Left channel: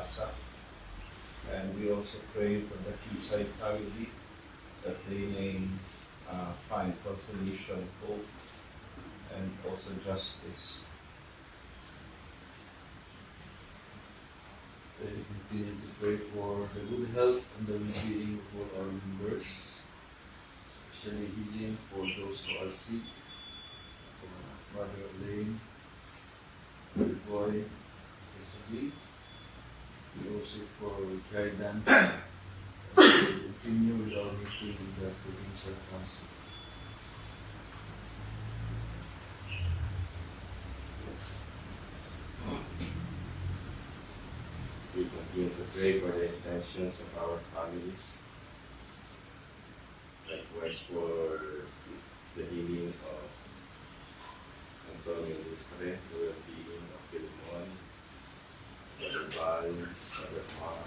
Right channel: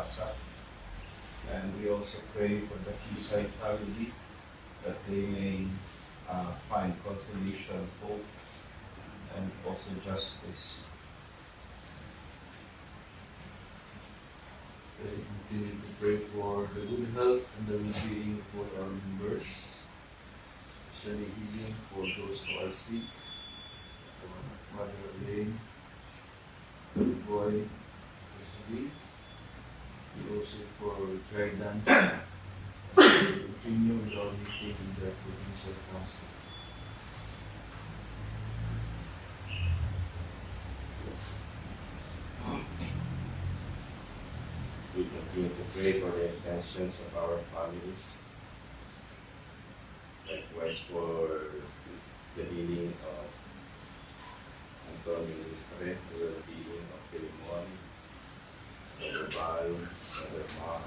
Plaza. And we also pray for the Quayside family that they may find consolation, hope, and also justice. We continue to pray for the good health and the well-being for our members, especially healing for those who are sick, for Mother Elaine, the boy, Wesley, and also for guidance as we continue with our meeting in the Provincial Council. We continue to pray for the intentions of our families, likewise for the healing of Antonio Lustre, the well-being of Philemon, Brother Val, Brother Mar,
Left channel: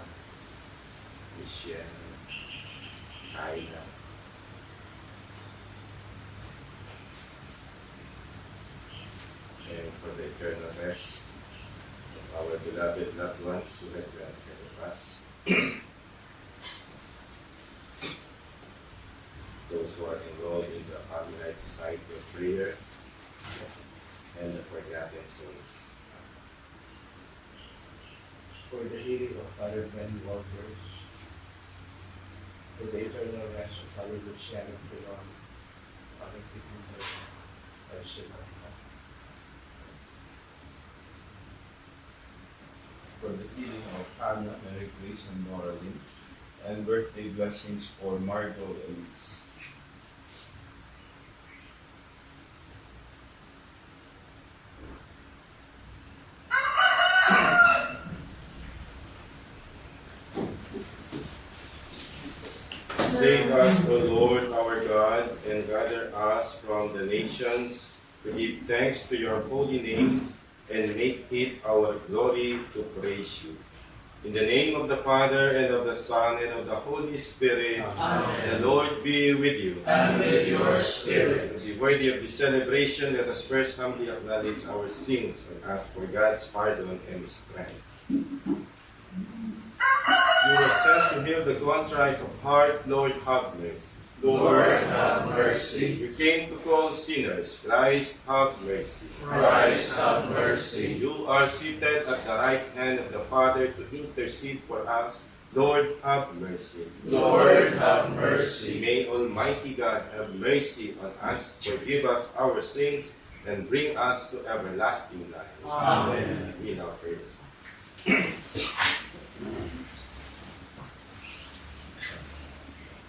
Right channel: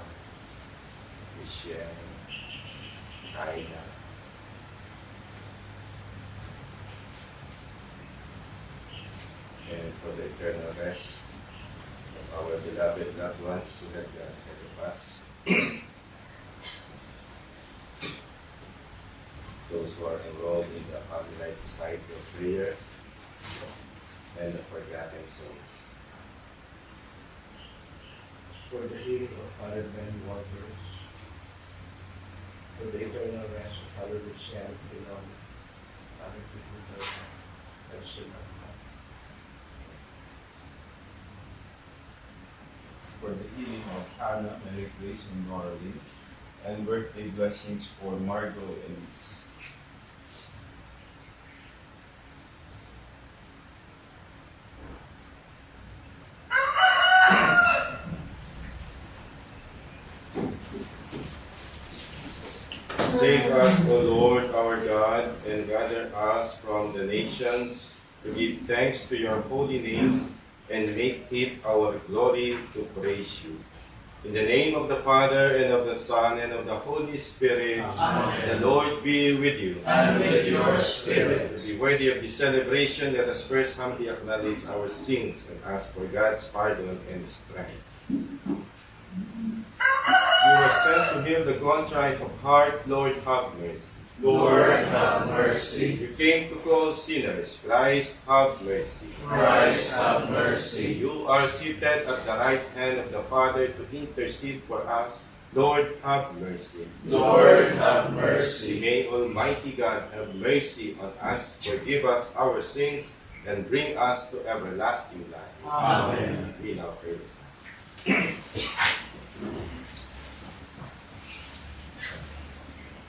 Michelle, Aina. And for the eternal rest of our beloved loved ones who have gone ahead of us, those who are enrolled in the Family Life Society of Prayer, and the forgotten souls. For the healing of Father Ben Walters, for the eternal rest of Father Luciano Filon, Father Peter, Mercy of God. For the healing of Hannah, Mary Grace, and Noraline, and birthday blessings for Margot Elise. Save us, O Lord our God, and gather us from the nations to give thanks to your holy name and make it our glory to praise you. In the name of the Father, and of the Son, and of the Holy Spirit, Amen. The Lord be with you. And with your spirit. To be worthy of this celebration, let us first humbly acknowledge our sins and ask for God's pardon and strength. You were sent to heal the contrite of heart, Lord, have mercy. Lord, have mercy. You came to call sinners, Christ, have mercy. Christ, have mercy. You are seated at the right hand of the Father to intercede for us, Lord, have mercy. Lord, have mercy. May Almighty God have mercy on us, forgive us our sins, and bring us to everlasting life. Amen. We now pray.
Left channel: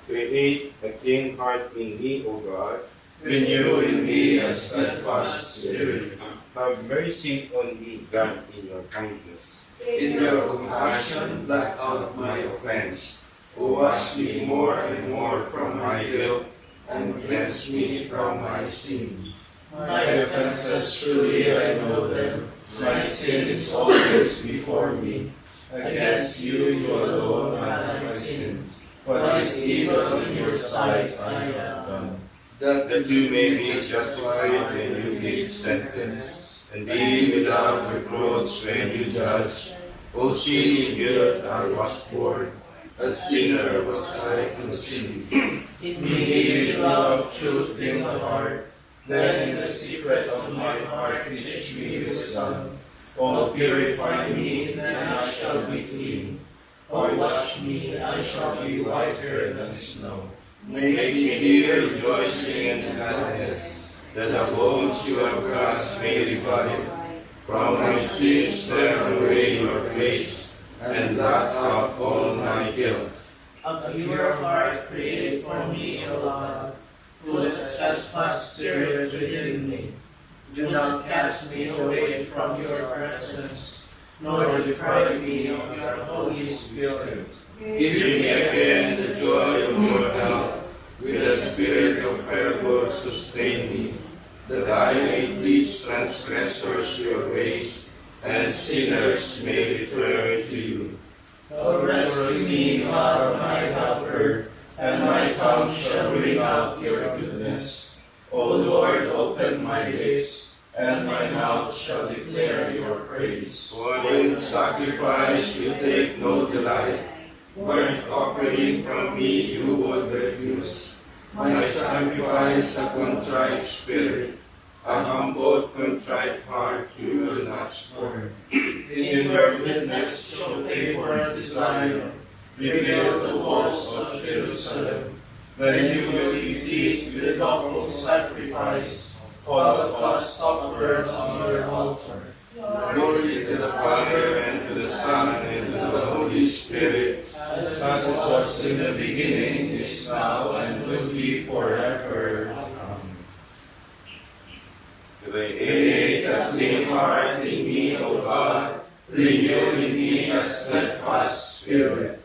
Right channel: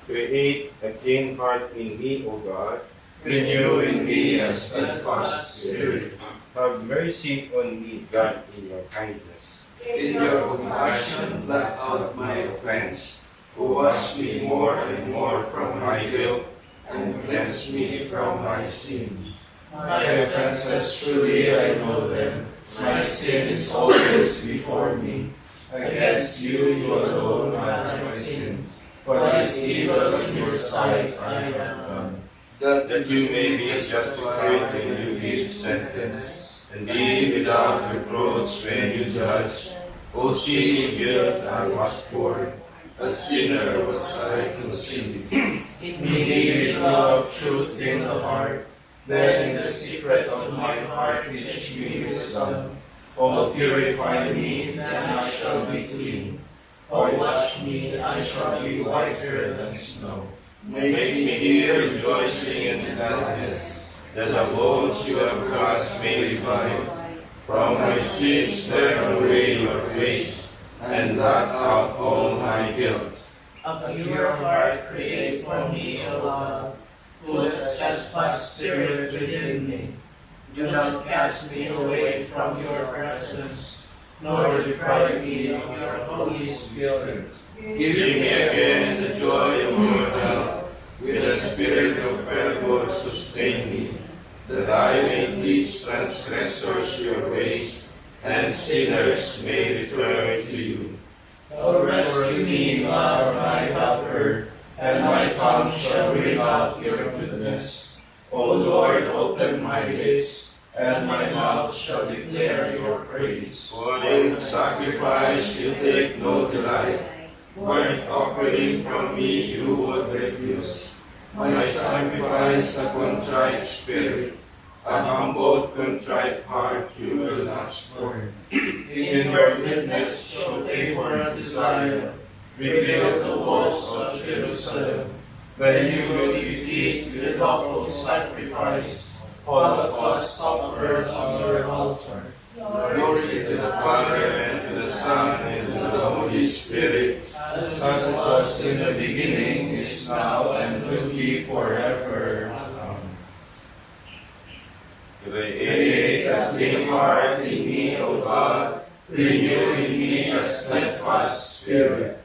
Create a clean heart in me, O God. Renew in me a steadfast spirit. Have mercy on me, God, in your kindness. In your compassion, blot out my offense. Wash me more and more from my guilt, and cleanse me from my sin. My offenses truly I know them. My sin is always before me. Against you alone have I sinned. What is evil in your sight I have done, That you may be justified when you give sentence, and be without reproach when you judge. O sin guilt I was born, a sinner was I conceived. in me the love of truth in the heart. Then in the secret of my heart teach me wisdom. O purify me, then I shall be clean. O wash me, I shall be whiter than snow. Make me hear rejoicing and gladness, that the bones you have crushed may revive. From my sins turn away your face, and blot out all my guilt. A pure heart create for me, O God. Put a steadfast spirit within me. Do not cast me away from your presence, nor deprive me of your Holy Spirit. Give me again the joy of your help, with the spirit of fervor sustain me, that I may teach transgressors your ways, and sinners may return to you. O rescue me, God, my helper, and my tongue shall bring out your goodness. O Lord, open my lips, and my mouth shall declare your praise. For in sacrifice you take no delight. Burnt offering from me you would refuse. My sacrifice a contrite spirit, a humble contrite heart you will not scorn. In your goodness show favor and desire. Rebuild the walls of Jerusalem. Then you will be pleased with lawful sacrifice. All of us offered on your altar. Glory to the Father, and to the Son, and to the Holy Spirit, as it was in the beginning, is now, and will be forever. Amen. Create a clean heart in me, O God, renew in me a steadfast spirit.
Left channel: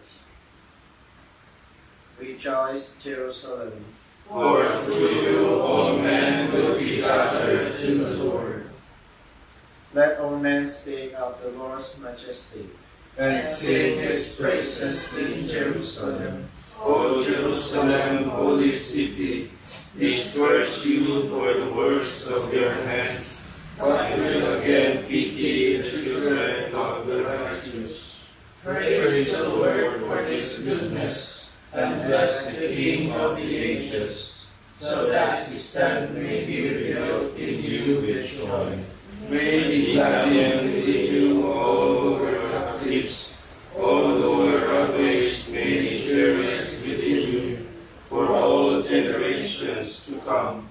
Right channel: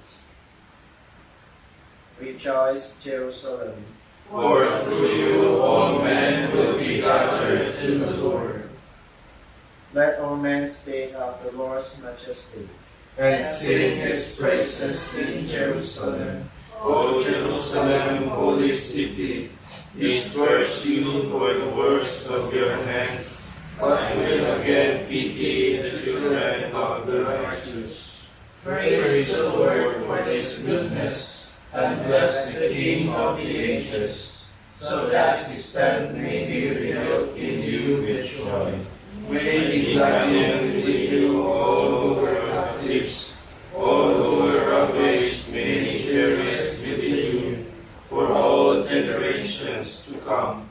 Rejoice, Jerusalem. For through you all men will be gathered to the Lord. Let all men speak of the Lord's majesty. And sing his praises in Jerusalem. O Jerusalem, holy city, disperse you for the works of your hands, but will again pity the children of the righteous. Praise the Lord for his goodness, and bless the King of the ages, so that his tent may be rebuilt in you with joy. May he gladden with you all who were captives, all who were ravished may he cherish within you, for all generations to come.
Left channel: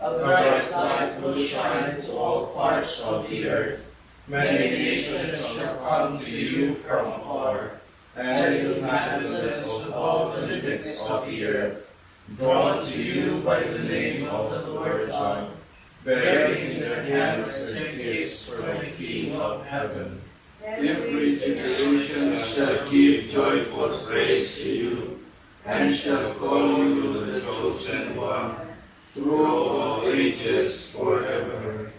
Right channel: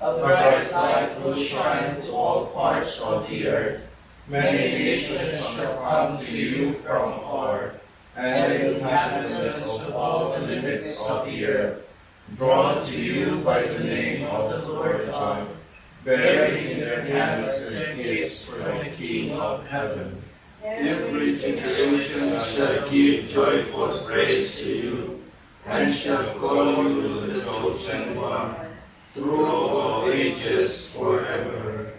A bright light will shine to all parts of the earth. Many nations shall come to you from afar, and the inhabitants of all the limits of the earth, drawn to you by the name of the Lord God, bearing in their hands their gifts from the King of heaven. Every generation shall give joyful praise to you, and shall call you the chosen one, through all ages forever.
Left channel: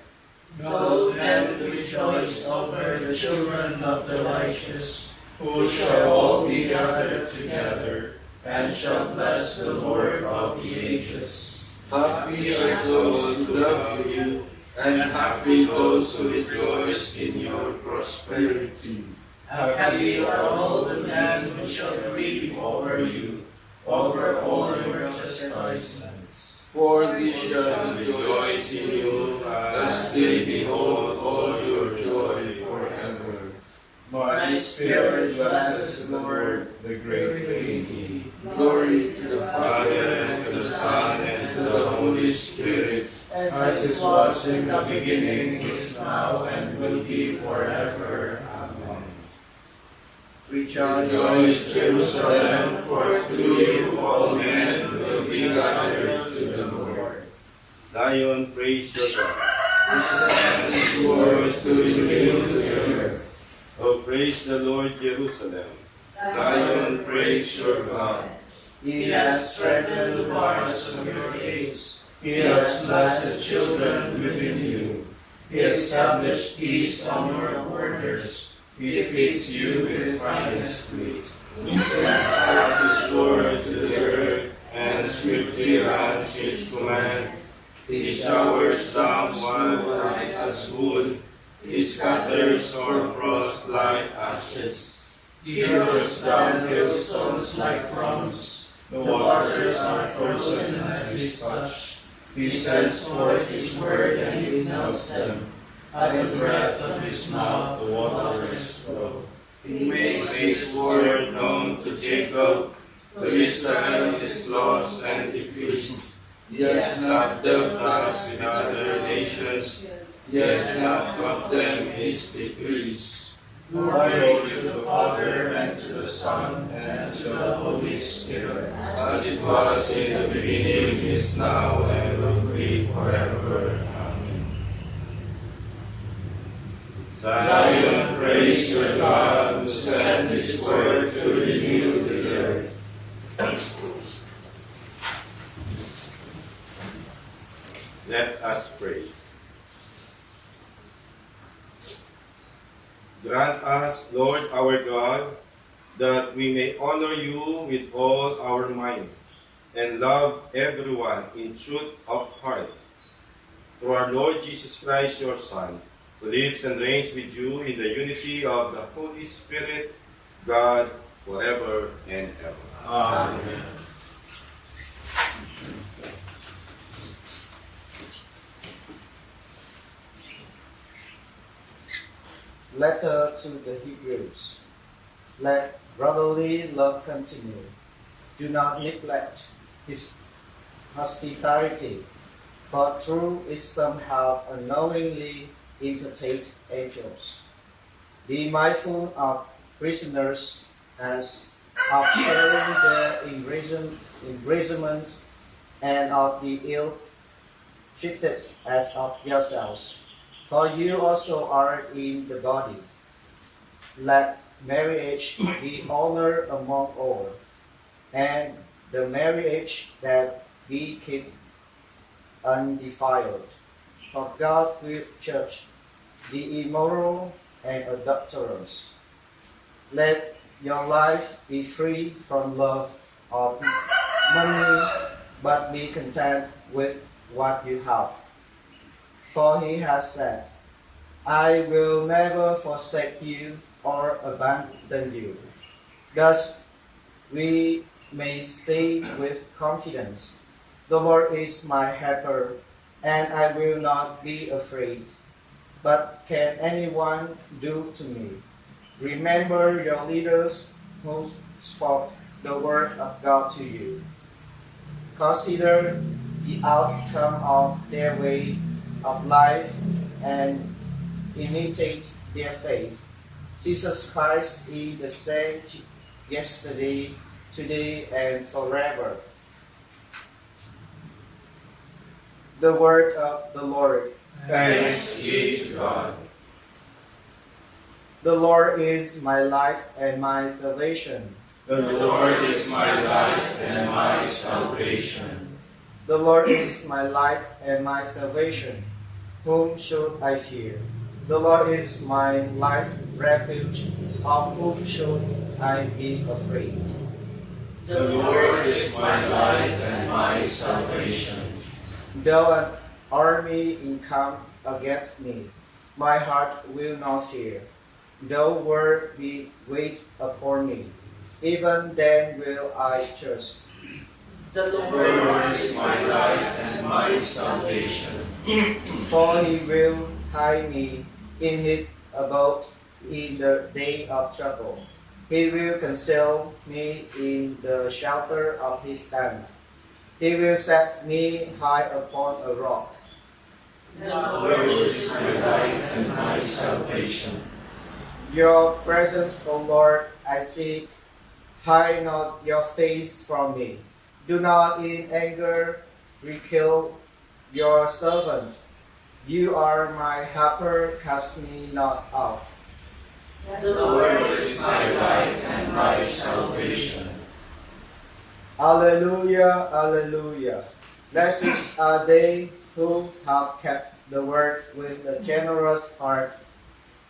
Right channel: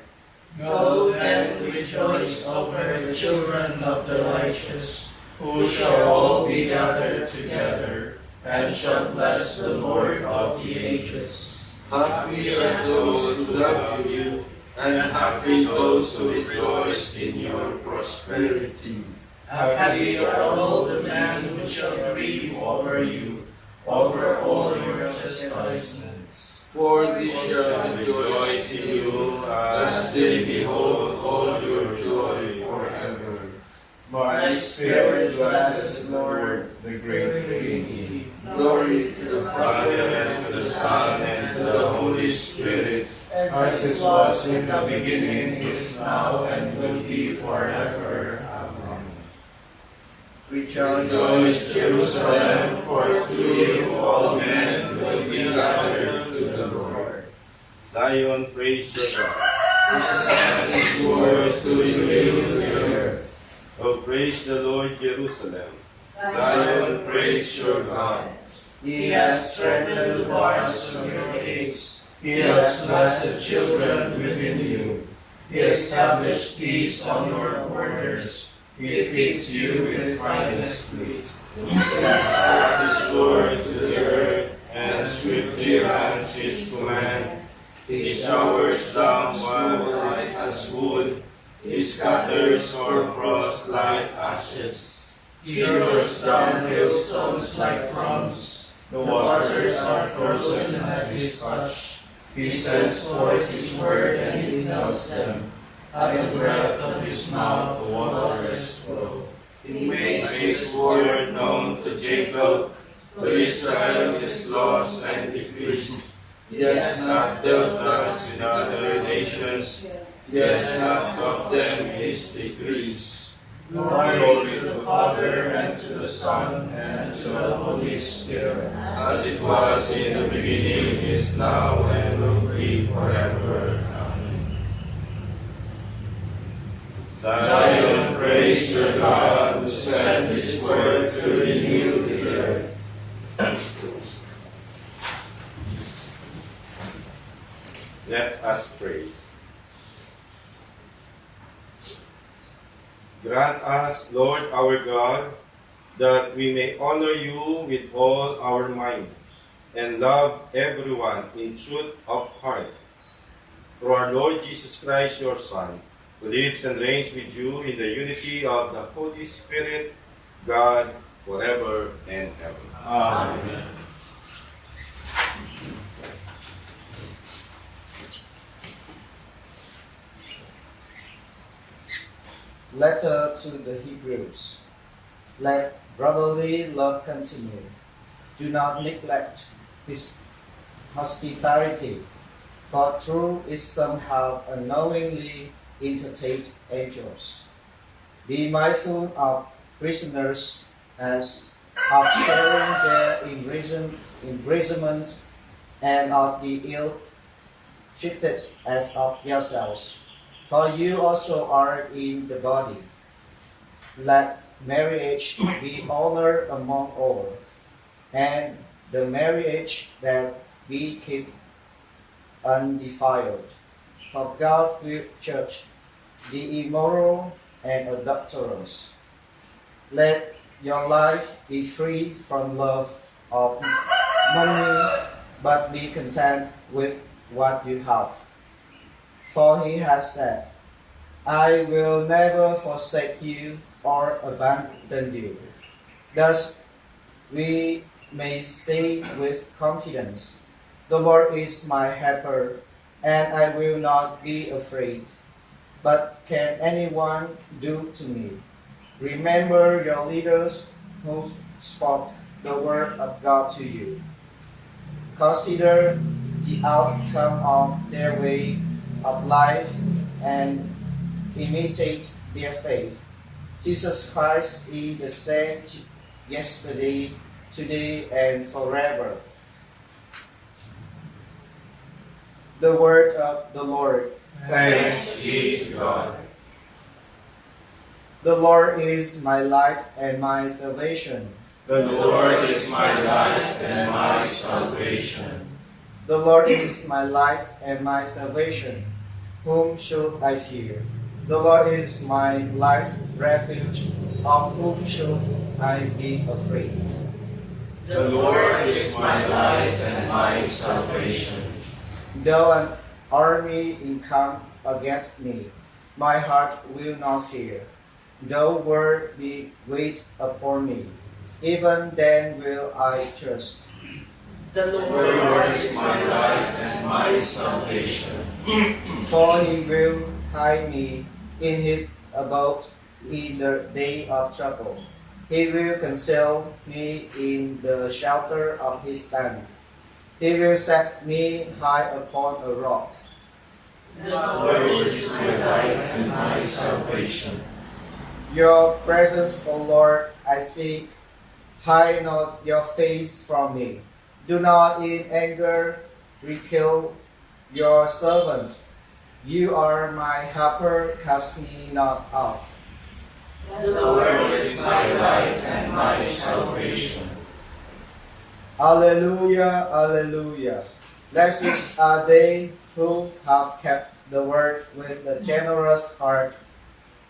Go then, rejoice over the children of the righteous, who shall all be gathered together, and shall bless the Lord of the ages. Happy are those who love you, and happy those who rejoice in your prosperity. Happy are all the men who shall grieve over you, over all your chastisements. For they shall rejoice in you, as they behold all your joy forever. My spirit blesses the Lord, the great King. Glory to the Father, and to the Son, and to the Holy Spirit, As it was in the beginning, is now, and will be forever. Amen. Rejoice, Jerusalem, for through you all men will be gathered to the Lord. Zion, praise your God. His word to renew the earth. Oh, praise the Lord, Jerusalem. Zion, praise your God. He has strengthened the bars of your gates. He has blessed the children within you. He established peace on your borders. He feeds you with finest wheat. He sends forth his word to the earth, and swiftly runs his command. He showers down wildlife as wood. He scatters or frost like ashes. He hurls down hailstones like crumbs. The waters are frozen at his touch. He sends forth his word and he melts them. At the breath of his mouth the waters flow. He makes his word known to Jacob, to Israel his laws and decrees. He has not dealt us with other nations. He has not taught them his decrees. Glory to the Father, and to the Son, and to the Holy Spirit. As it was in the beginning, is now, and will be forever. Amen. Zion, praise your God, who sent his word to renew the earth. Let us pray. Grant us, Lord our God, that we may honor you with all our mind and love everyone in truth of heart. through our Lord Jesus Christ, your Son, who lives and reigns with you in the unity of the Holy Spirit, God, forever and ever. Amen. Letter to the Hebrews. Let brotherly love continue. Do not neglect his hospitality, for through it some have unknowingly entertained angels. Be mindful of prisoners as of sharing their imprisonment, and of the ill-treated as of yourselves. For you also are in the body. Let marriage be honored among all, and the marriage that be kept undefiled. For God will judge the immoral and adulterous. Let your life be free from love of money, but be content with what you have. For he has said, I will never forsake you or abandon you. Thus we may say with confidence, the Lord is my helper, and I will not be afraid. But can anyone do to me? Remember your leaders who spoke the word of God to you. Consider the outcome of their way of life and imitate their faith. Jesus Christ is the same yesterday, today, and forever. The word of the Lord. Thanks be to God. The Lord is my light and my salvation. The Lord is my light and my salvation. The Lord is my light and my salvation. Whom should I fear? The Lord is my life's refuge. Of whom should I be afraid? The Lord is my light and my salvation. Though an army encamp against me, my heart will not fear. Though war be waged upon me, even then will I trust. The Lord is my light and my salvation. For he will hide me in his abode in the day of trouble. He will conceal me in the shelter of his tent. He will set me high upon a rock. The Lord is my light and my salvation. Your presence, O Lord, I seek. Hide not your face from me. Do not in anger recall your servant. You are my helper, cast me not off. The Lord is my light and my salvation. Alleluia, alleluia. Blessed are they who have kept the word with a generous heart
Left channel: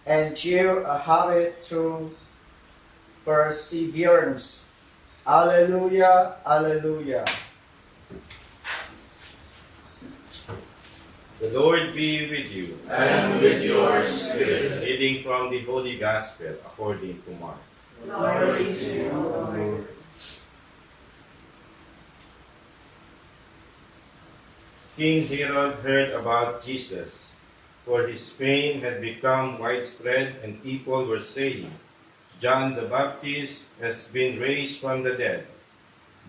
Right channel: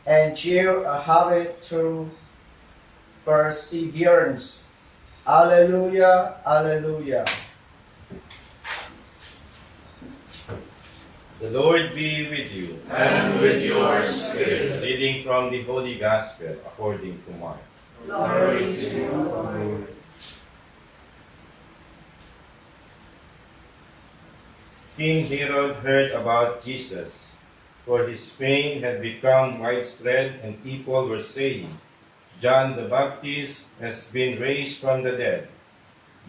and cheer a habit through perseverance. Alleluia, alleluia. The Lord be with you. And with your spirit. Reading from the Holy Gospel according to Mark. Glory to you, O Lord. King Herod heard about Jesus, for his fame had become widespread, and people were saying, John the Baptist has been raised from the dead.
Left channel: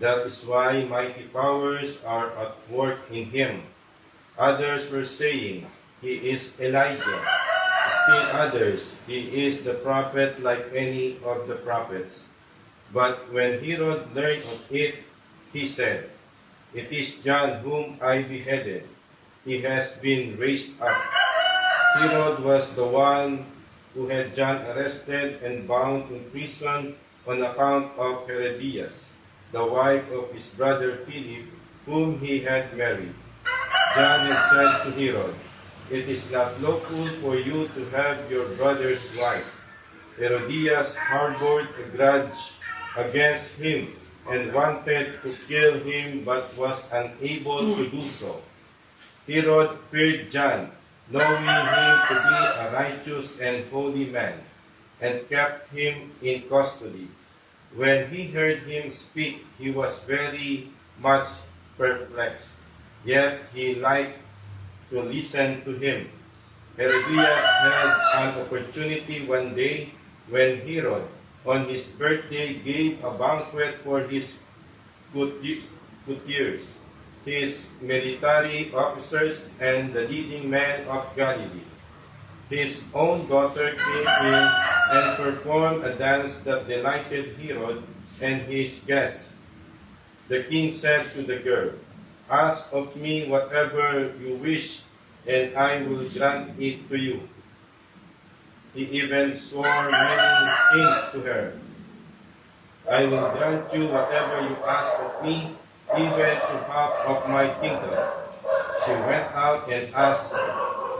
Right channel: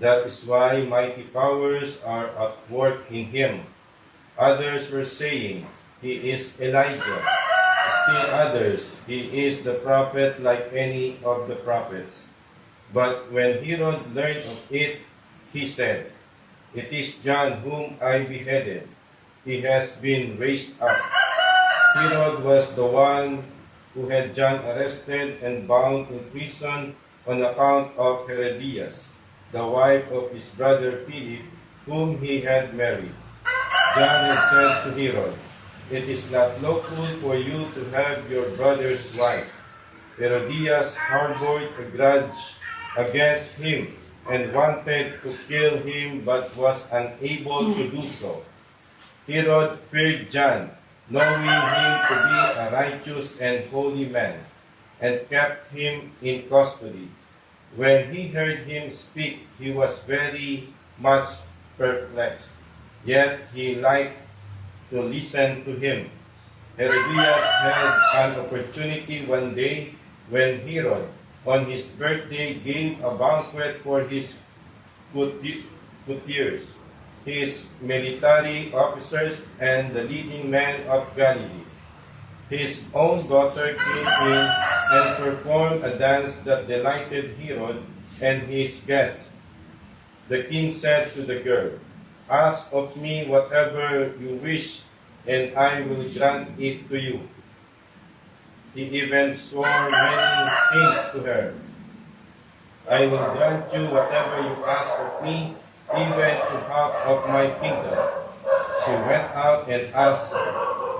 That is why mighty powers are at work in him. Others were saying, he is Elijah. Still others, he is the prophet like any of the prophets. But when Herod learned of it, he said, it is John whom I beheaded. He has been raised up. Herod was the one who had John arrested and bound in prison on account of Herodias, the wife of his brother Philip, whom he had married. John had said to Herod, it is not lawful for you to have your brother's wife. Herodias harbored a grudge against him and wanted to kill him but was unable to do so. Herod feared John, knowing him to be a righteous and holy man, and kept him in custody. When he heard him speak, he was very much perplexed, yet he liked to listen to him. Herodias had an opportunity one day when Herod, on his birthday, gave a banquet for his courtiers, his military officers, and the leading men of Galilee. His own daughter came in and performed a dance that delighted Herod and his guests. The king said to the girl, "Ask of me whatever you wish, and I will grant it to you." He even swore many things to her. "I will grant you whatever you ask of me, even to half of my kingdom." She went out and asked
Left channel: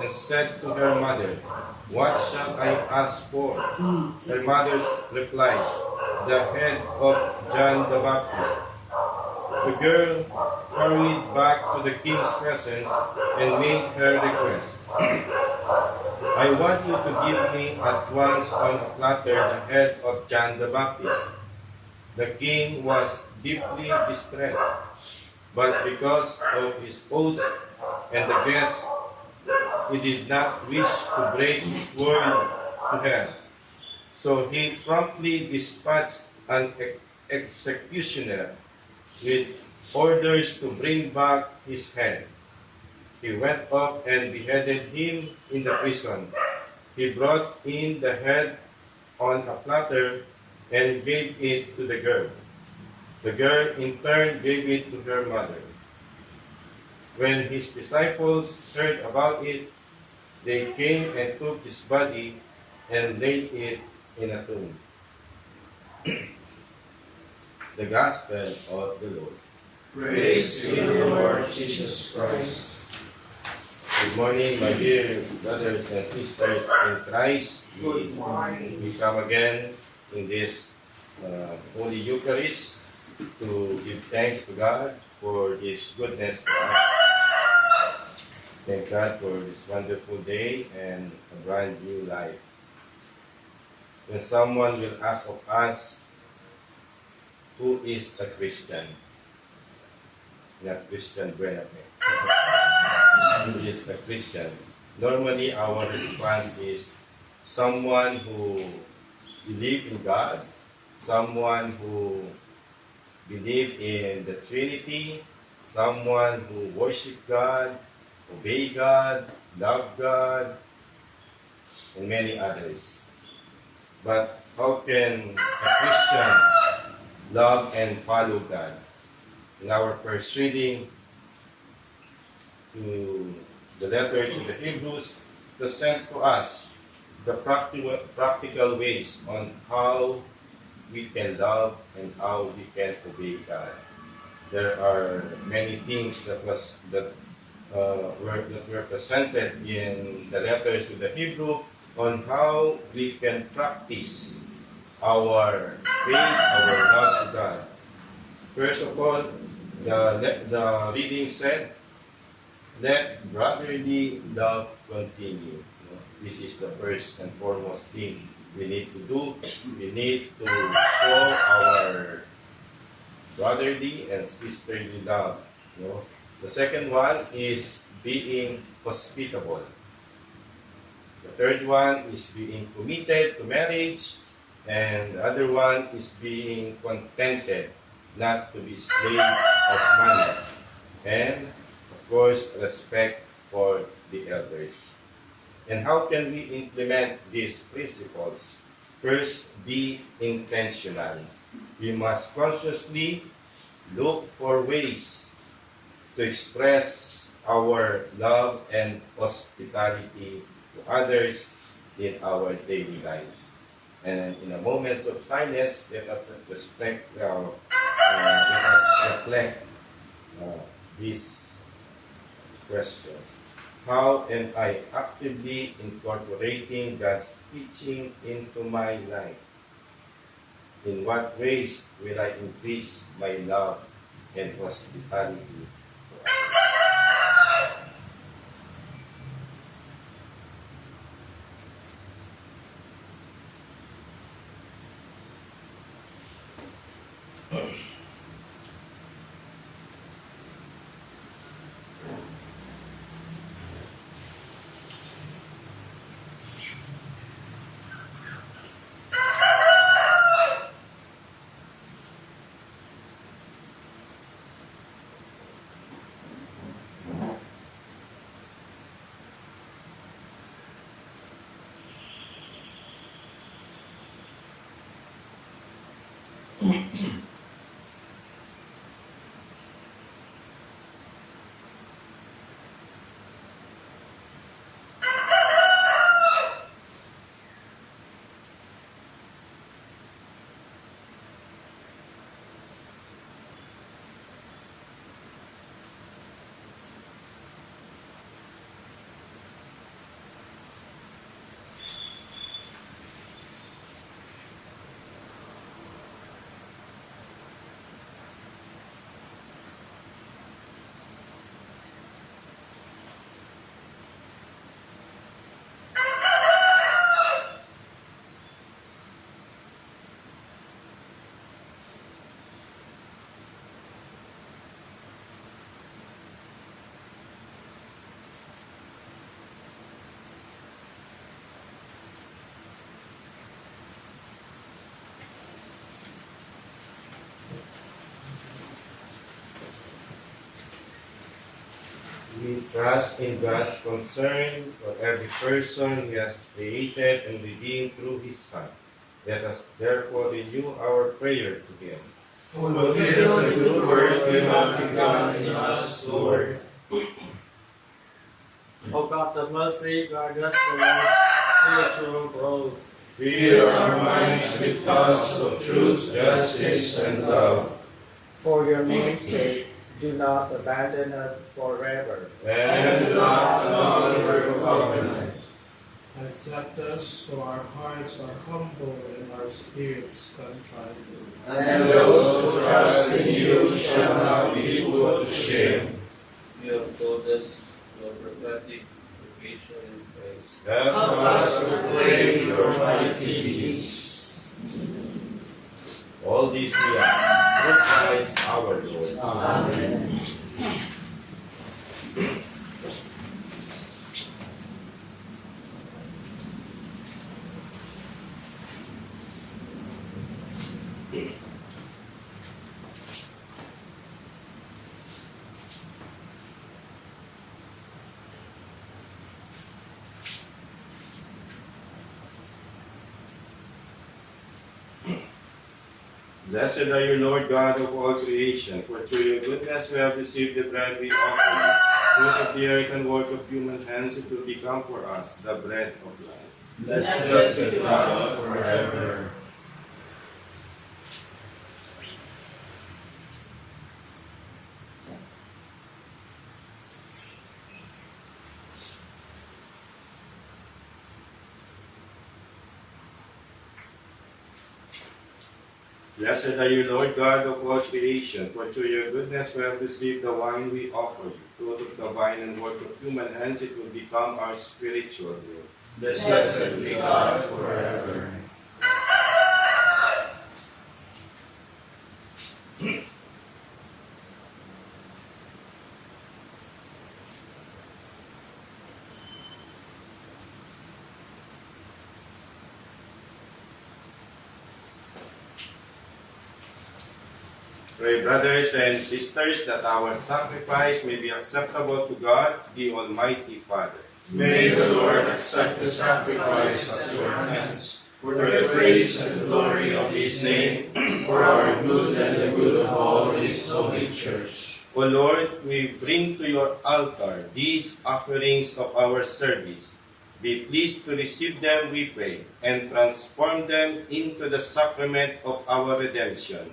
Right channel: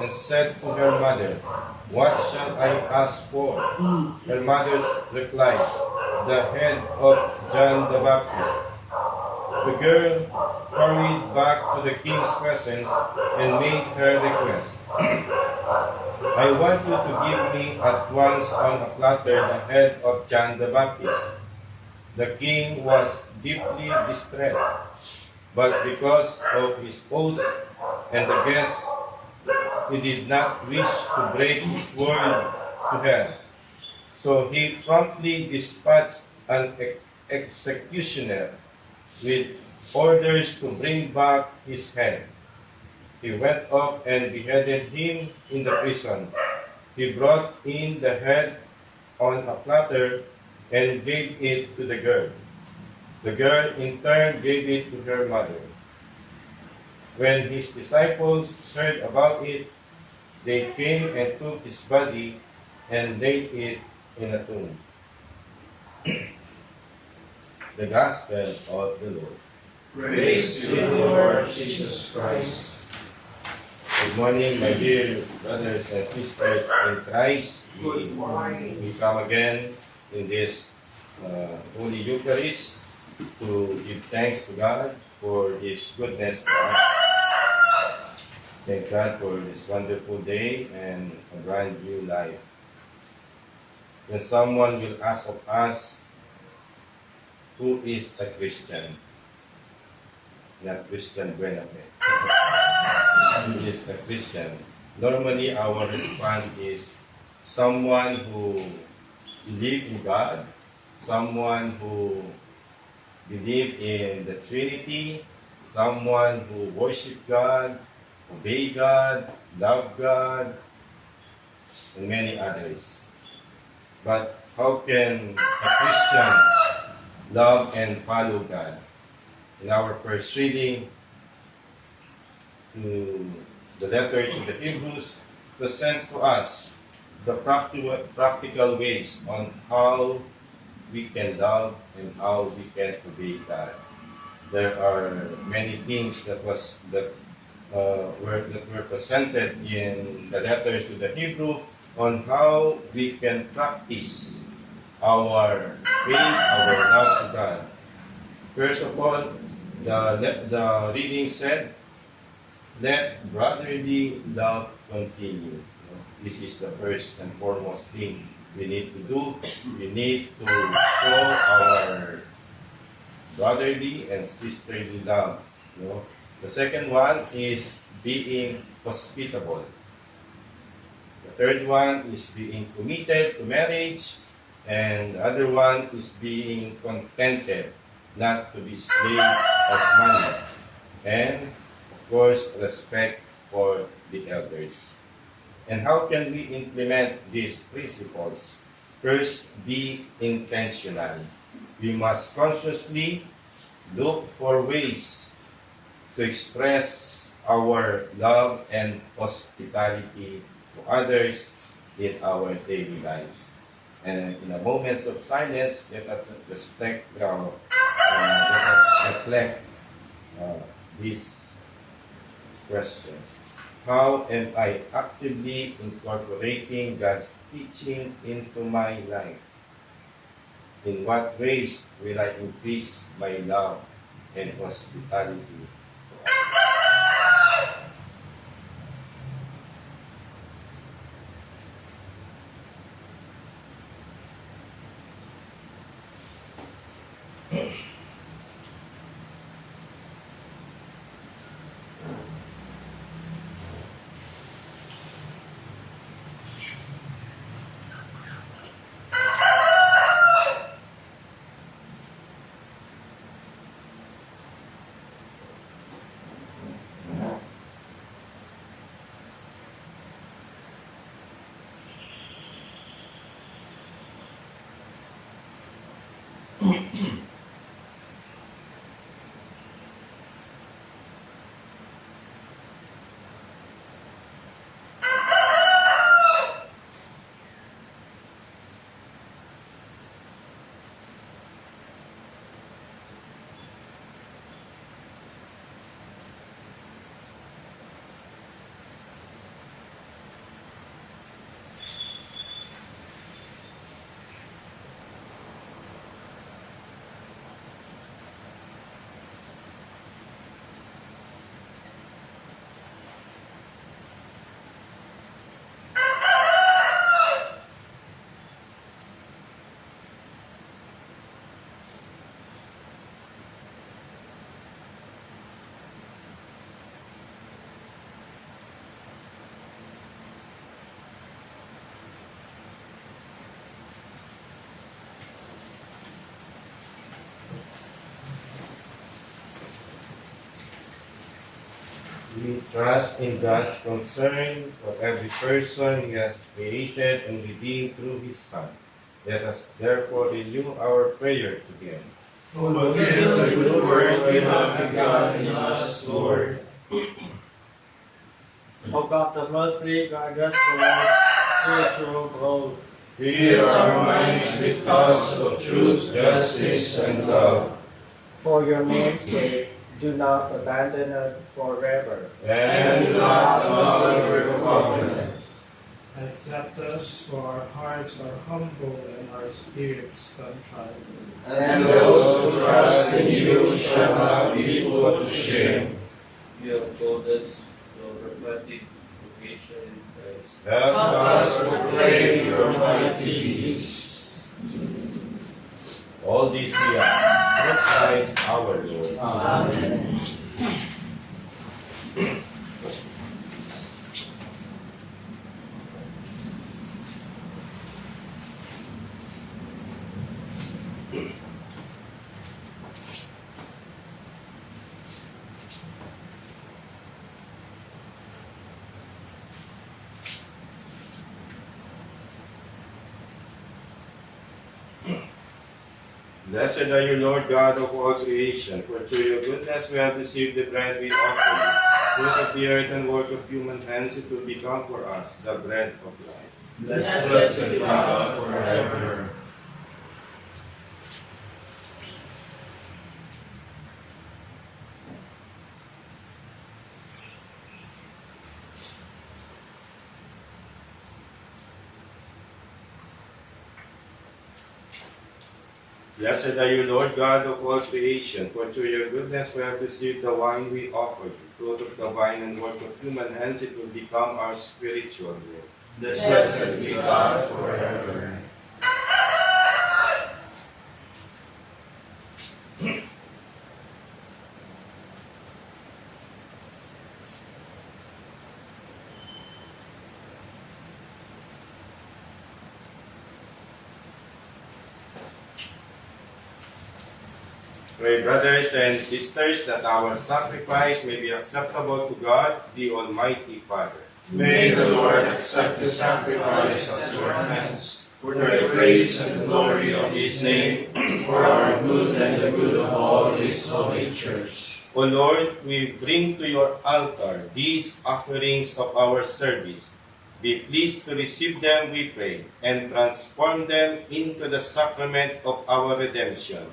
and said to her mother, "What shall I ask for?" Her mother replied, "The head of John the Baptist." The girl hurried back to the king's presence and made her request. "I want you to give me at once on a platter the head of John the Baptist." The king was deeply distressed, but because of his oath and the guests, he did not wish to break his word to her. So he promptly dispatched an executioner with orders to bring back his head. He went up and beheaded him in the prison. He brought in the head on a platter and gave it to the girl. The girl in turn gave it to her mother. When his disciples heard about it, they came and took his body and laid it in a tomb. The Gospel of the Lord. Praise to you, Lord Jesus Christ. Good morning, my dear brothers and sisters in Christ. Good morning. We come again in this Holy Eucharist to give thanks to God for His goodness to us. Thank God for this wonderful day and a brand new life. When someone will ask of us, who is a Christian? Not Christian Buenafe. Who is a Christian? Normally, our response is someone who believes in God, someone who believes in the Trinity, someone who worships God, obey God, love God, and many others. But how can a Christian love and follow God? In our first reading to the letter to the Hebrews, presents to us the practical ways on how we can love and how we can obey God. There are many things that were presented in the letters to the Hebrew on how we can practice our faith, our love to God. First of all, the reading said, "Let brotherly love continue." This is the first and foremost thing we need to do. We need to show our brotherly and sisterly love. The second one is being hospitable. The third one is being committed to marriage. And the other one is being contented, not to be slave of money. And, of course, respect for the elders. And how can we implement these principles? First, be intentional. We must consciously look for ways to express our love and hospitality to others in our daily lives. And in a moments of silence, let us reflect these questions. How am I actively incorporating God's teaching into my life? In what ways will I increase my love and hospitality to others? We trust in God's concern for every person He has created and redeemed through His Son. Let us therefore renew our prayer to Him. Fulfill the good work you have begun in us, Lord. O God of mercy, guide us towards spiritual growth. Fill our minds with thoughts of truth, justice, and love. For your name's sake, do not abandon us forever. And do not annul your covenant. Accept us, for our hearts are humble and our spirits contrite. And those who trust in you shall not be put to shame. You have told us your prophetic vocation in Christ. Help Help us proclaim your mighty deeds. all these we ask through Christ our Lord. Amen. Blessed are you, Lord God of all creation, for through your goodness we have received the bread we offer you. Fruit of the earth and work of human hands, it will become for us the bread of life. Blessed be God forever. Blessed are you, Lord God of all creation, for through your goodness we have received the wine we offer you. Fruit of the vine and work of human hands, it will become our spiritual meal. Blessed be God forever. Pray, brothers and sisters, that our sacrifice may be acceptable to God, the Almighty Father. May the Lord accept the sacrifice at your hands, for the praise and glory of His name, for our good and the good of all His holy church. O Lord, we bring to your altar these offerings of our service. Be pleased to receive them, we pray, and transform them into the sacrament of our redemption.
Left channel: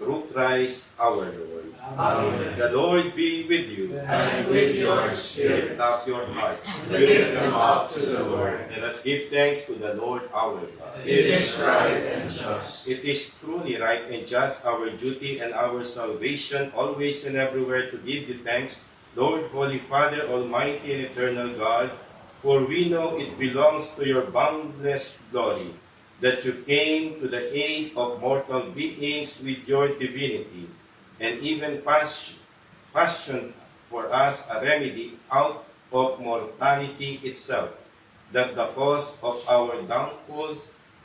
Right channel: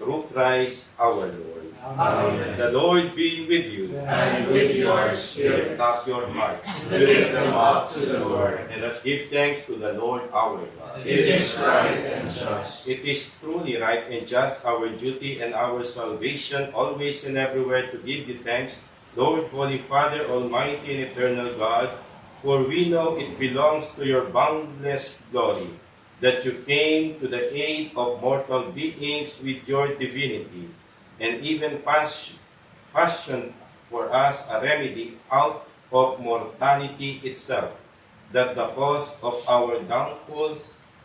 Through Christ our Lord. Amen. The Lord be with you. And with your spirit, Lift up your hearts. lift them up to the Lord. Let us give thanks to the Lord our God. It is right and just. It is truly right and just, our duty and our salvation, always and everywhere to give you thanks, Lord, Holy Father, Almighty and Eternal God, for we know it belongs to your boundless glory that you came to the aid of mortal beings with your divinity, and even fashioned for us a remedy out of mortality itself, that the cause of our downfall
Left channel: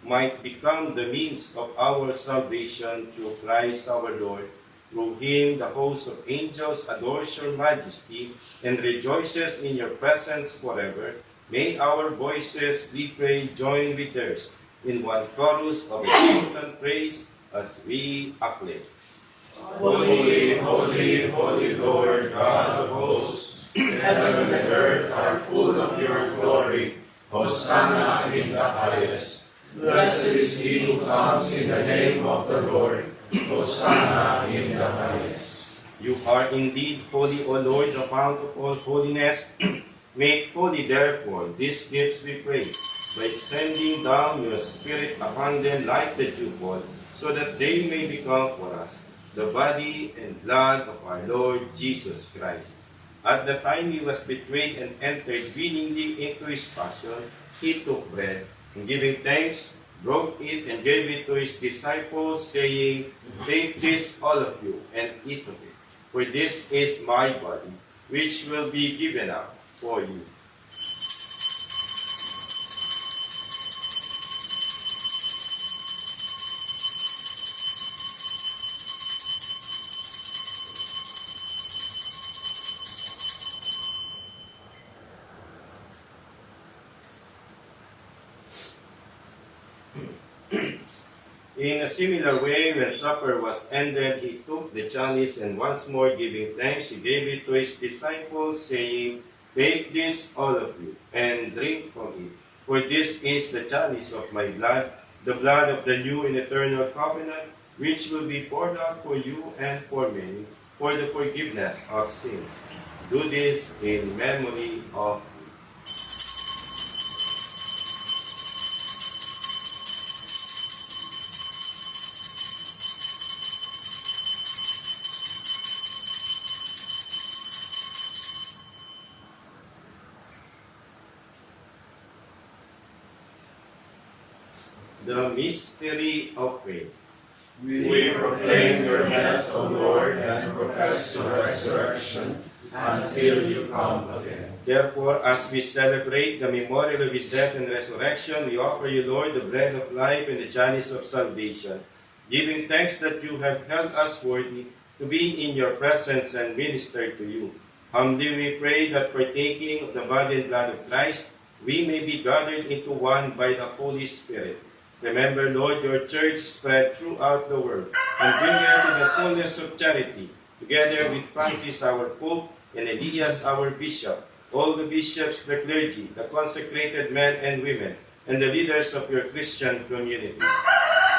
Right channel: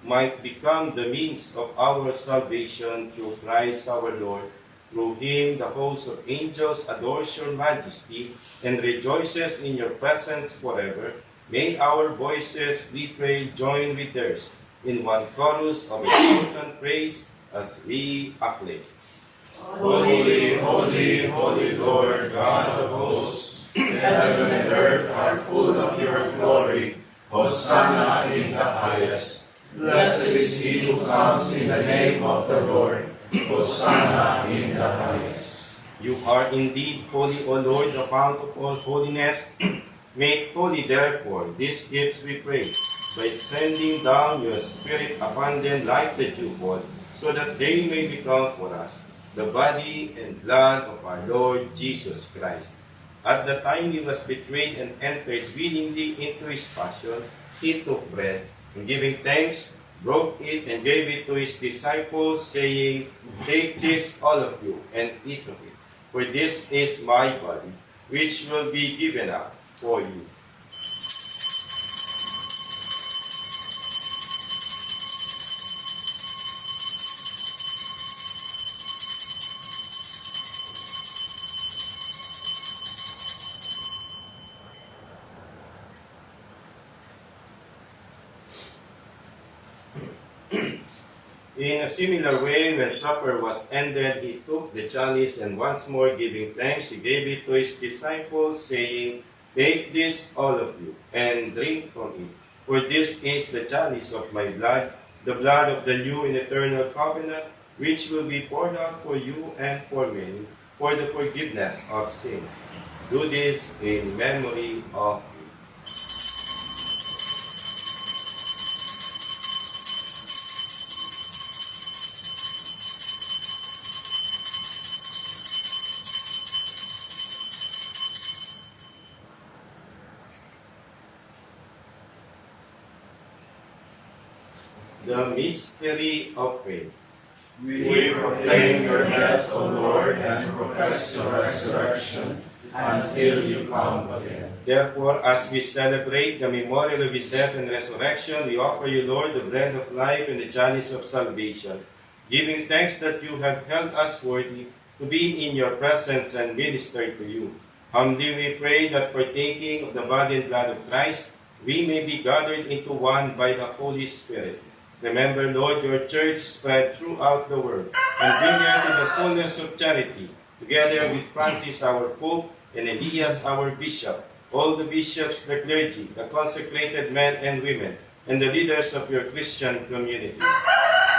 might become the means of our salvation through Christ our Lord. Through him the host of angels adores your majesty and rejoices in your presence forever. May our voices, we pray, join with theirs in one chorus of exultant praise as we acclaim. Holy, holy, holy Lord, God of hosts, heaven and earth are full of your glory. Hosanna in the highest. Blessed is he who comes in the name of the Lord. Hosanna in the highest. You are indeed holy, O Lord, the fount of all holiness. Make holy, therefore, these gifts, we pray, by sending down your Spirit upon them like the dewfall, so that they may become for us the body and blood of our Lord Jesus Christ. At the time he was betrayed and entered willingly into his passion, he took bread, and giving thanks, broke it and gave it to his disciples, saying, "Take this, all of you, and eat of it, for this is my body, which will be given up for you." In a similar way, when supper was ended, he took the chalice, and once more giving thanks, he gave it to his disciples, saying, "Take this, all of you, and drink from it. For this is the chalice of my blood, the blood of the new and eternal covenant, which will be poured out for you and for many, for the forgiveness of sins. Do this in memory of me." The mystery of faith. We proclaim your death, O Lord, and profess your resurrection until you come again. Therefore, as we celebrate the memorial of his death and resurrection, we offer you, Lord, the bread of life and the chalice of salvation, giving thanks that you have held us worthy to be in your presence and minister to you. Humbly we pray that partaking of the body and blood of Christ, we may be gathered into one by the Holy Spirit. Remember, Lord, your church spread throughout the world, and bring her to the fullness of charity, together with Francis our Pope and Elias our Bishop, all the bishops, the clergy, the consecrated men and women, and the leaders of your Christian communities.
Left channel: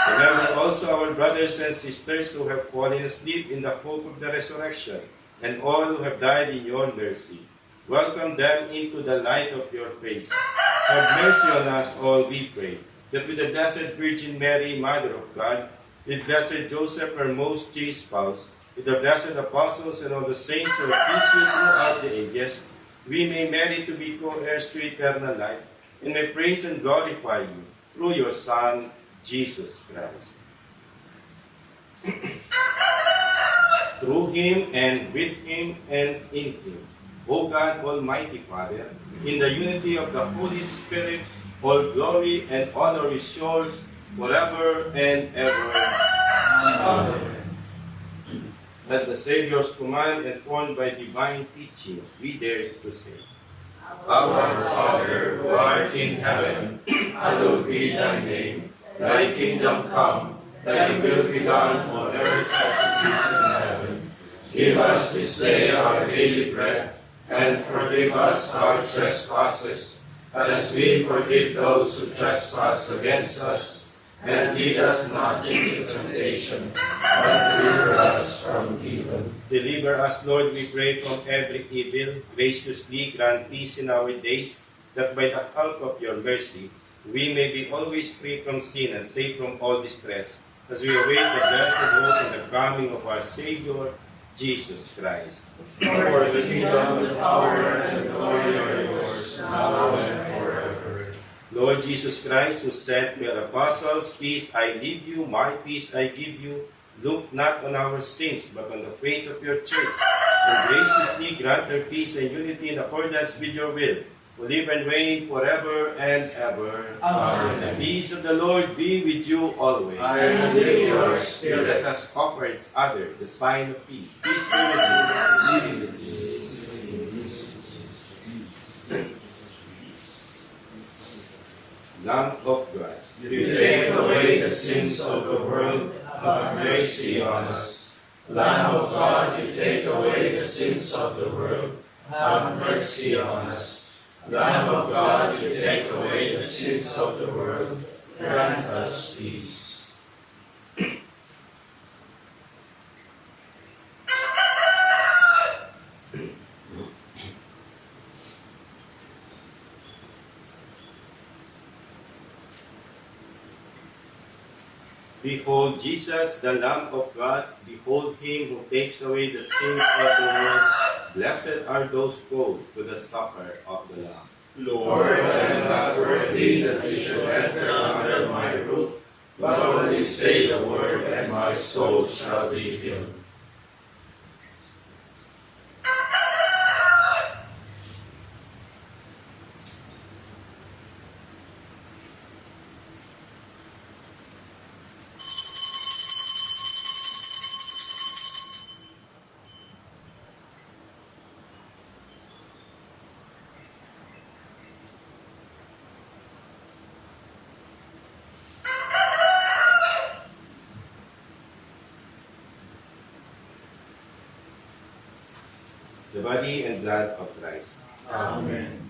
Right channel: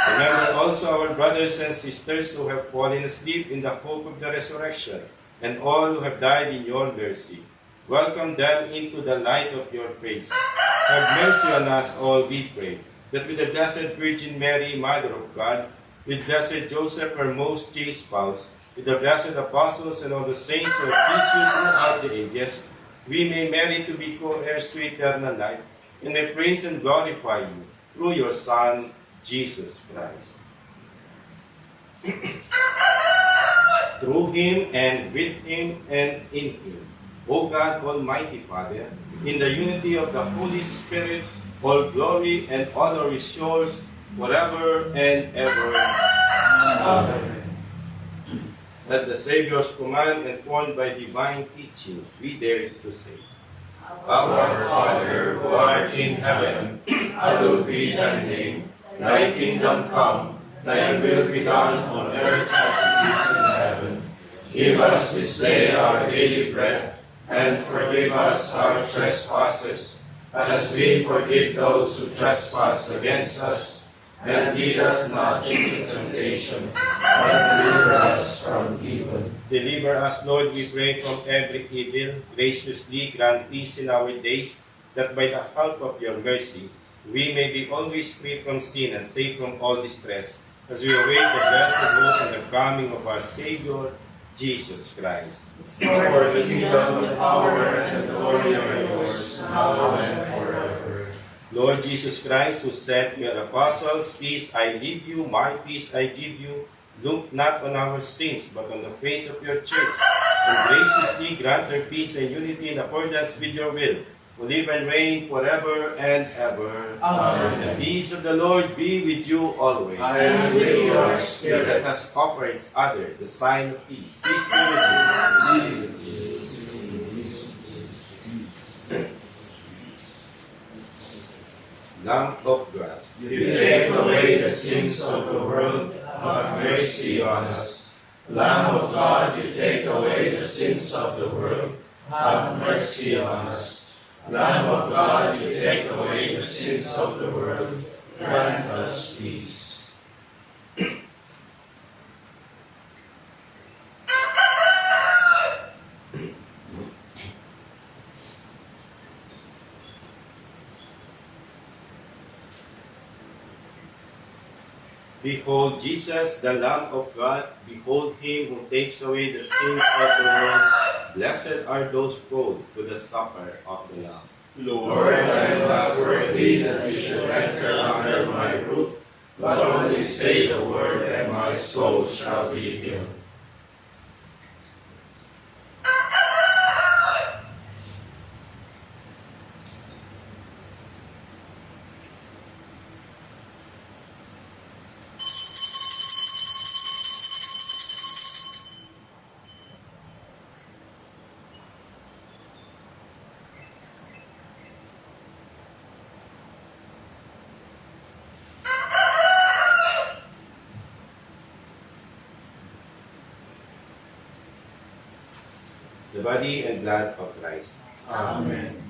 Remember also our brothers and sisters who have fallen asleep in the hope of the resurrection, and all who have died in your mercy. Welcome them into the light of your face. Have mercy on us all, we pray, that with the Blessed Virgin Mary, Mother of God, with Blessed Joseph, her most chaste spouse, with the blessed apostles and all the saints who have pleased you throughout the ages, we may merit to be co-heirs to eternal life, and may praise and glorify you through your Son, Jesus Christ. Through him and with him and in him, O God, Almighty Father, in the unity of the Holy Spirit, all glory and honor is yours forever and ever. Amen. At the Savior's command, informed by divine teaching, we dare to say, Our Father, who art in heaven, hallowed be thy name. Thy kingdom come, thy will be done on earth as it is in heaven. Give us this day our daily bread, and forgive us our trespasses, as we forgive those who trespass against us. And lead us not into temptation, but deliver us from evil. Deliver us, Lord, we pray, from every evil. Graciously grant peace in our days, that by the help of your mercy, we may be always free from sin and safe from all distress, as we await the blessed hope and the coming of our Savior, Jesus Christ. For the kingdom, the power, and the glory are yours, now and forever. Lord Jesus Christ, who said to your apostles, "Peace I leave you, my peace I give you," look not on our sins, but on the faith of your church, and graciously grant her peace and unity in accordance with your will, who live and reign forever and ever. Amen. The peace of the Lord be with you always. And with your spirit. Let us offer each other the sign of peace. Peace be with you. Lamb of God, You take away the sins of the world, have mercy on us. Lamb of God, you take away the sins of the world, have mercy on us. Lamb of God, you take away the sins of the world, grant us peace. Behold Jesus, the Lamb of God. Behold him who takes away the sins of the world. Blessed are those called to the supper of the Lamb. Lord, I am not worthy that you should enter under my roof, but only say the word, and my soul shall be healed. The body and blood of Christ. Amen.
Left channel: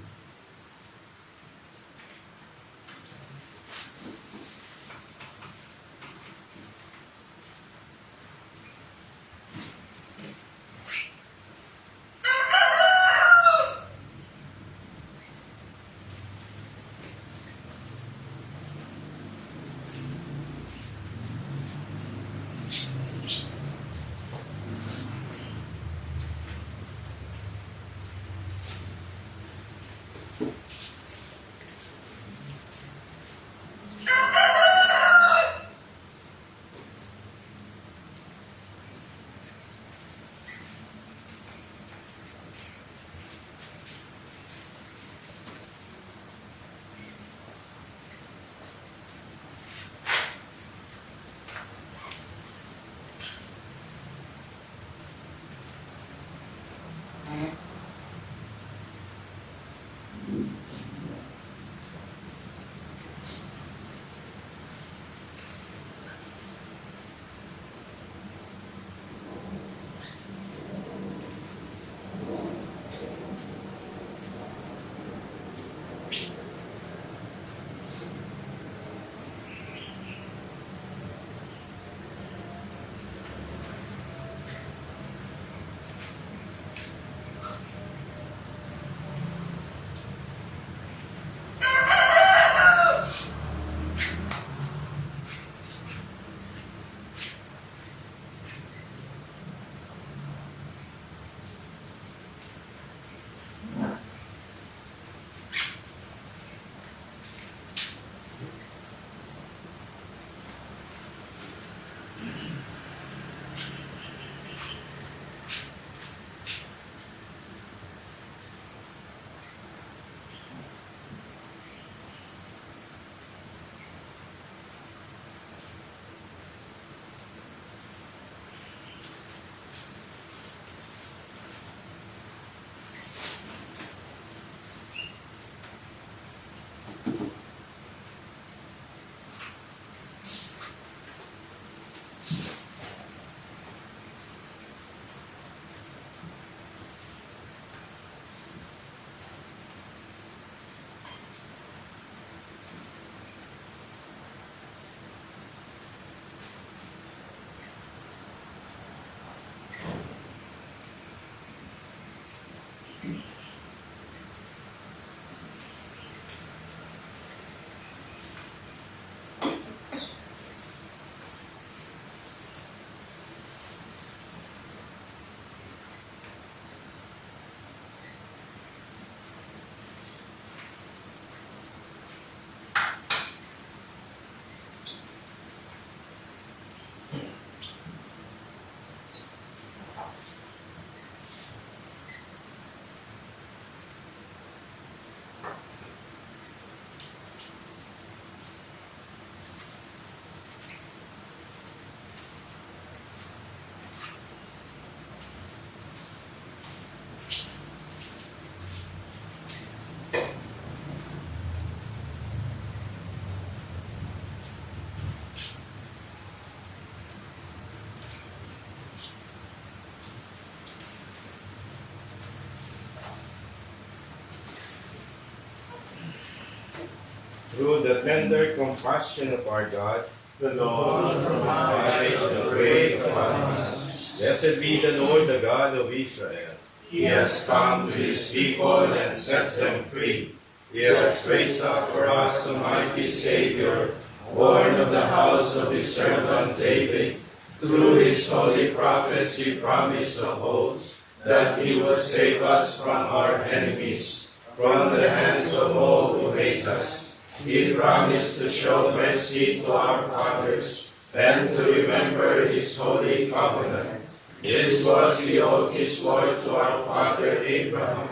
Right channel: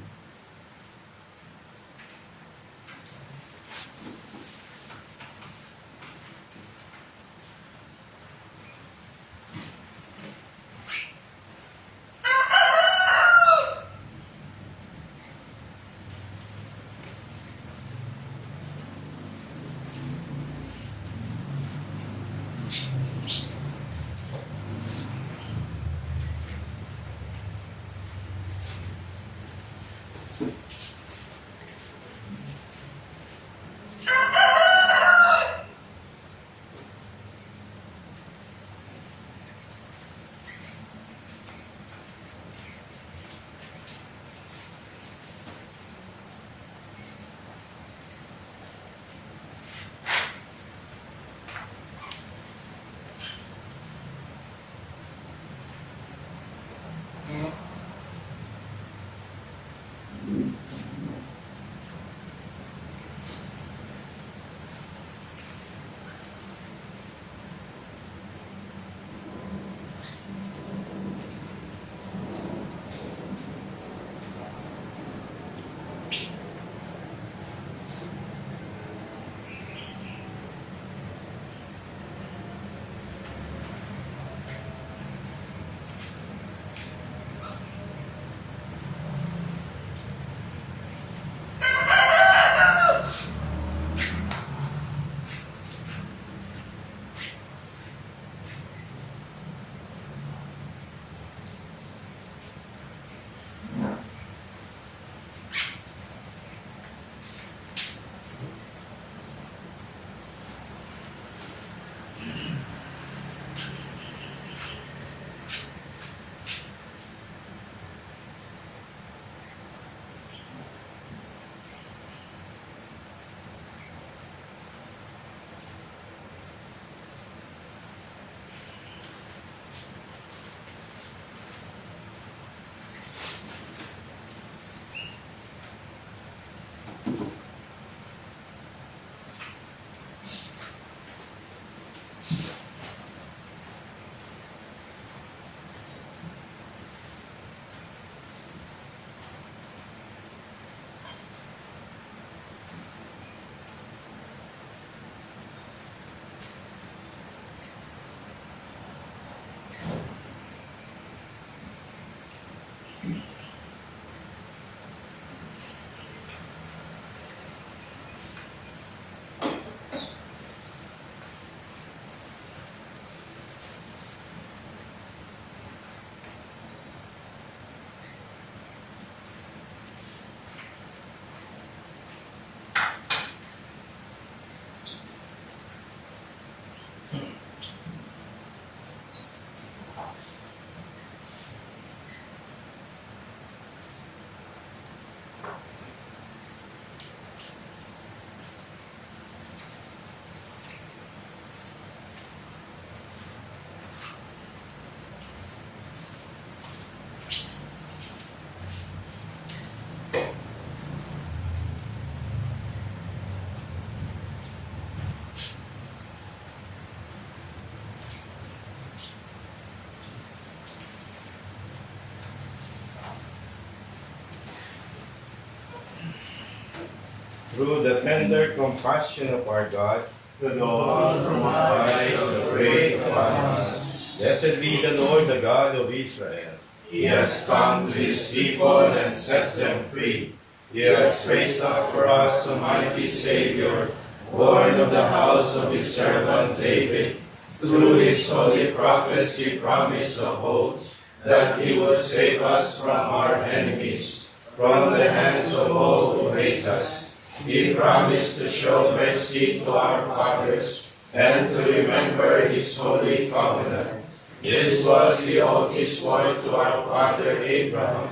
tender compassion of our God, The Lord from high shall break upon us. blessed be the Lord, the God of Israel. He has come to his people and set them free. He has raised up for us a mighty Savior, born of the house of his servant David. Through his holy prophets he promised of old that he will save us from our enemies, from the hands of all who hate us. He promised to show mercy to our fathers and to remember his holy covenant. This was the oath he swore to our father Abraham,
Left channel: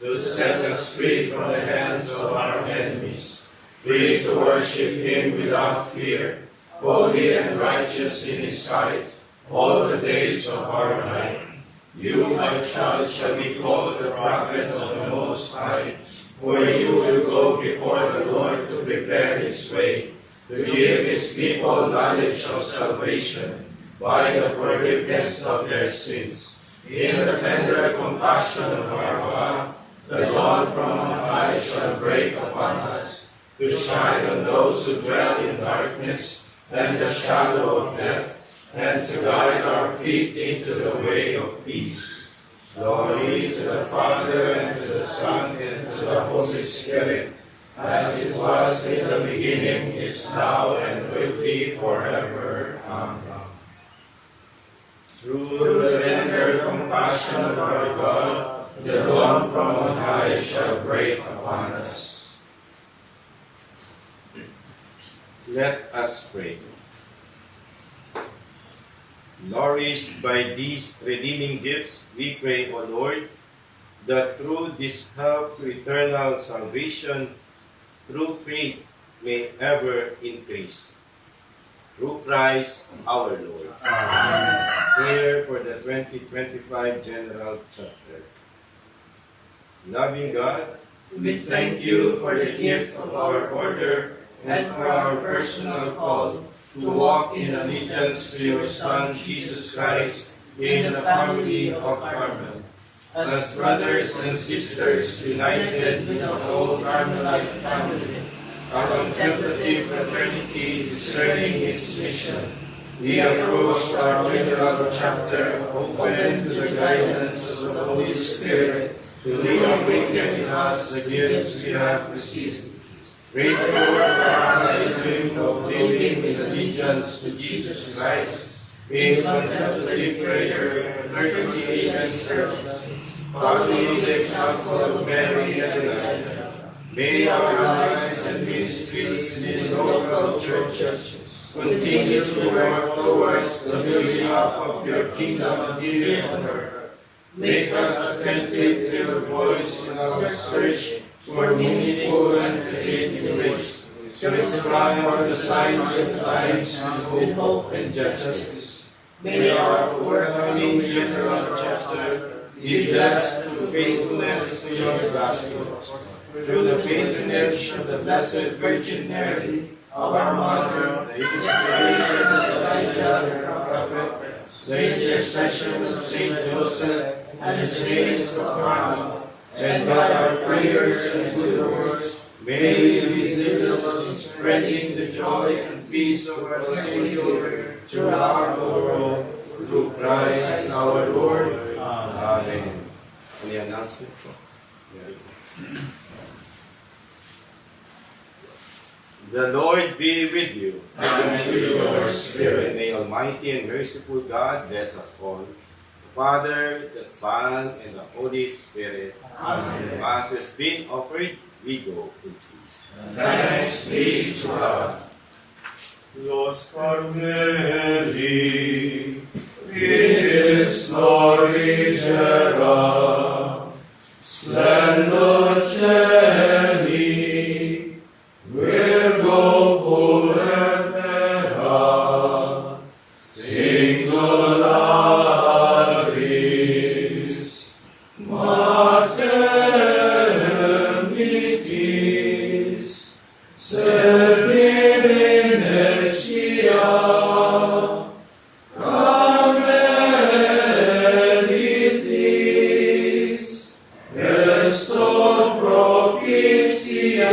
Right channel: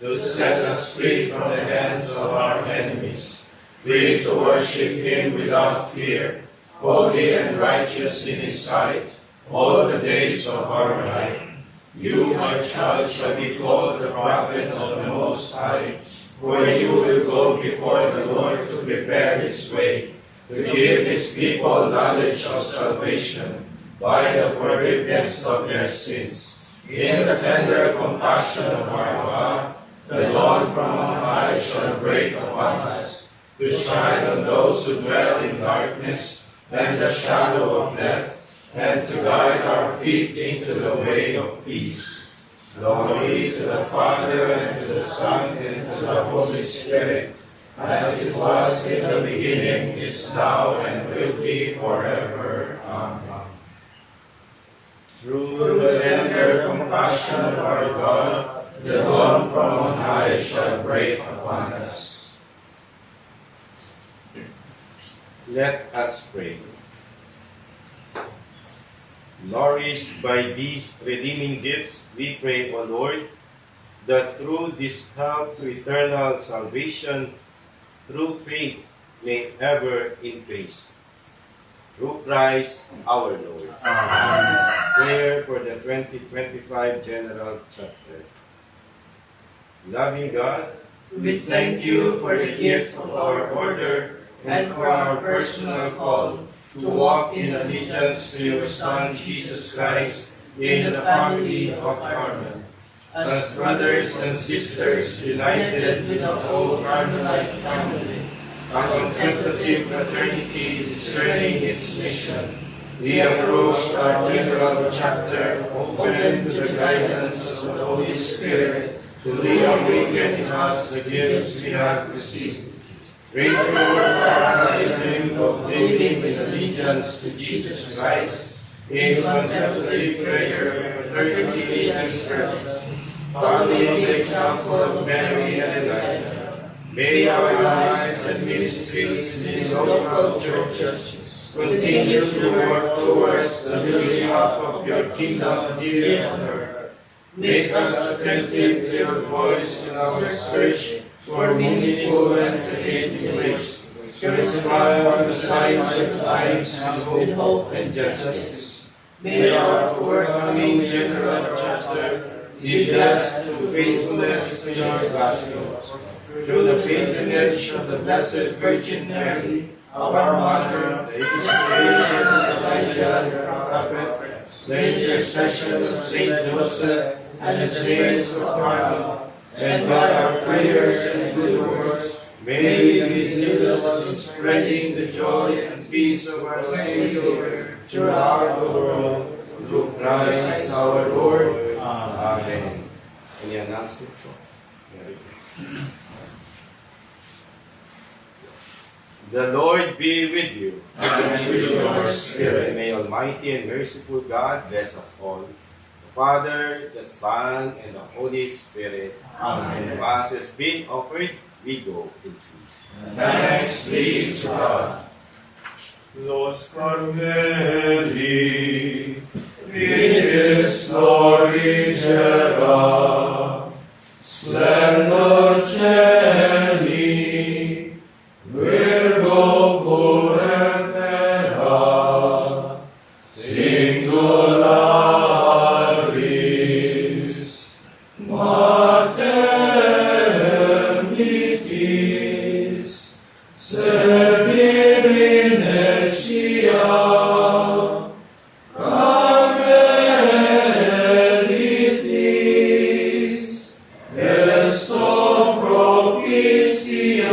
to set us free from the hands of our enemies, free to worship him without fear, holy and righteous in his sight, all the days of our life. You, my child, shall be called the prophet of the Most High, for you will go before the Lord to prepare his way, to give his people knowledge of salvation by the forgiveness of their sins. In the tender compassion of our God, the dawn from on high shall break upon us, to shine on those who dwell in darkness and the shadow of death, and to guide our feet into the way of peace. Glory to the Father, and to the Son, and to the Holy Spirit, as it was in the beginning, is now, and will be forever. Amen. Through the tender compassion of our God, the dawn from on high shall break upon us. Let us pray. Nourished by these redeeming gifts, we pray, O Lord, that through this help to eternal salvation, through faith, may ever increase. Through Christ our Lord. Amen. Prayer for the 2025 General Chapter. Loving God, We thank you for the gift of our order and for our personal call to walk in allegiance to your Son, Jesus Christ, in the family of Carmel. As brothers and sisters united with the whole Carmelite family, a contemplative fraternity discerning its mission, we approach our general chapter open to the guidance of the Holy Spirit to reawaken in us the gifts we have received. Grateful for our dream of living in allegiance to Jesus Christ, in contemplative prayer, fraternity, and service, following the example of Mary and Elijah, may our lives and ministries in local churches continue to work towards the building up of your kingdom here on earth. Make us attentive to your voice in our search for meaningful and creative ways to respond to the signs of times with hope and justice. May our forthcoming general chapter be blessed through faithfulness to your gospel, through the patronage of the Blessed Virgin Mary, our Mother, the inspiration of Elijah the prophet, the intercession of Saint Joseph, and the saints of Carmel, and by our prayers and good works, may we be zealous in spreading the joy and peace of our Savior throughout the world, through Christ our Lord. Amen. any announcement? The Lord be with you. And with your spirit. May Almighty and merciful God bless us all. The Father, the Son, and the Holy Spirit. Amen. As has been offered, we go in peace. Thanks be to God. Los Carmeli, vides florigera, splendor celi, Virgo purpura, singularis, mater mitis, Severinesia, Carmelitis, Esto propicia,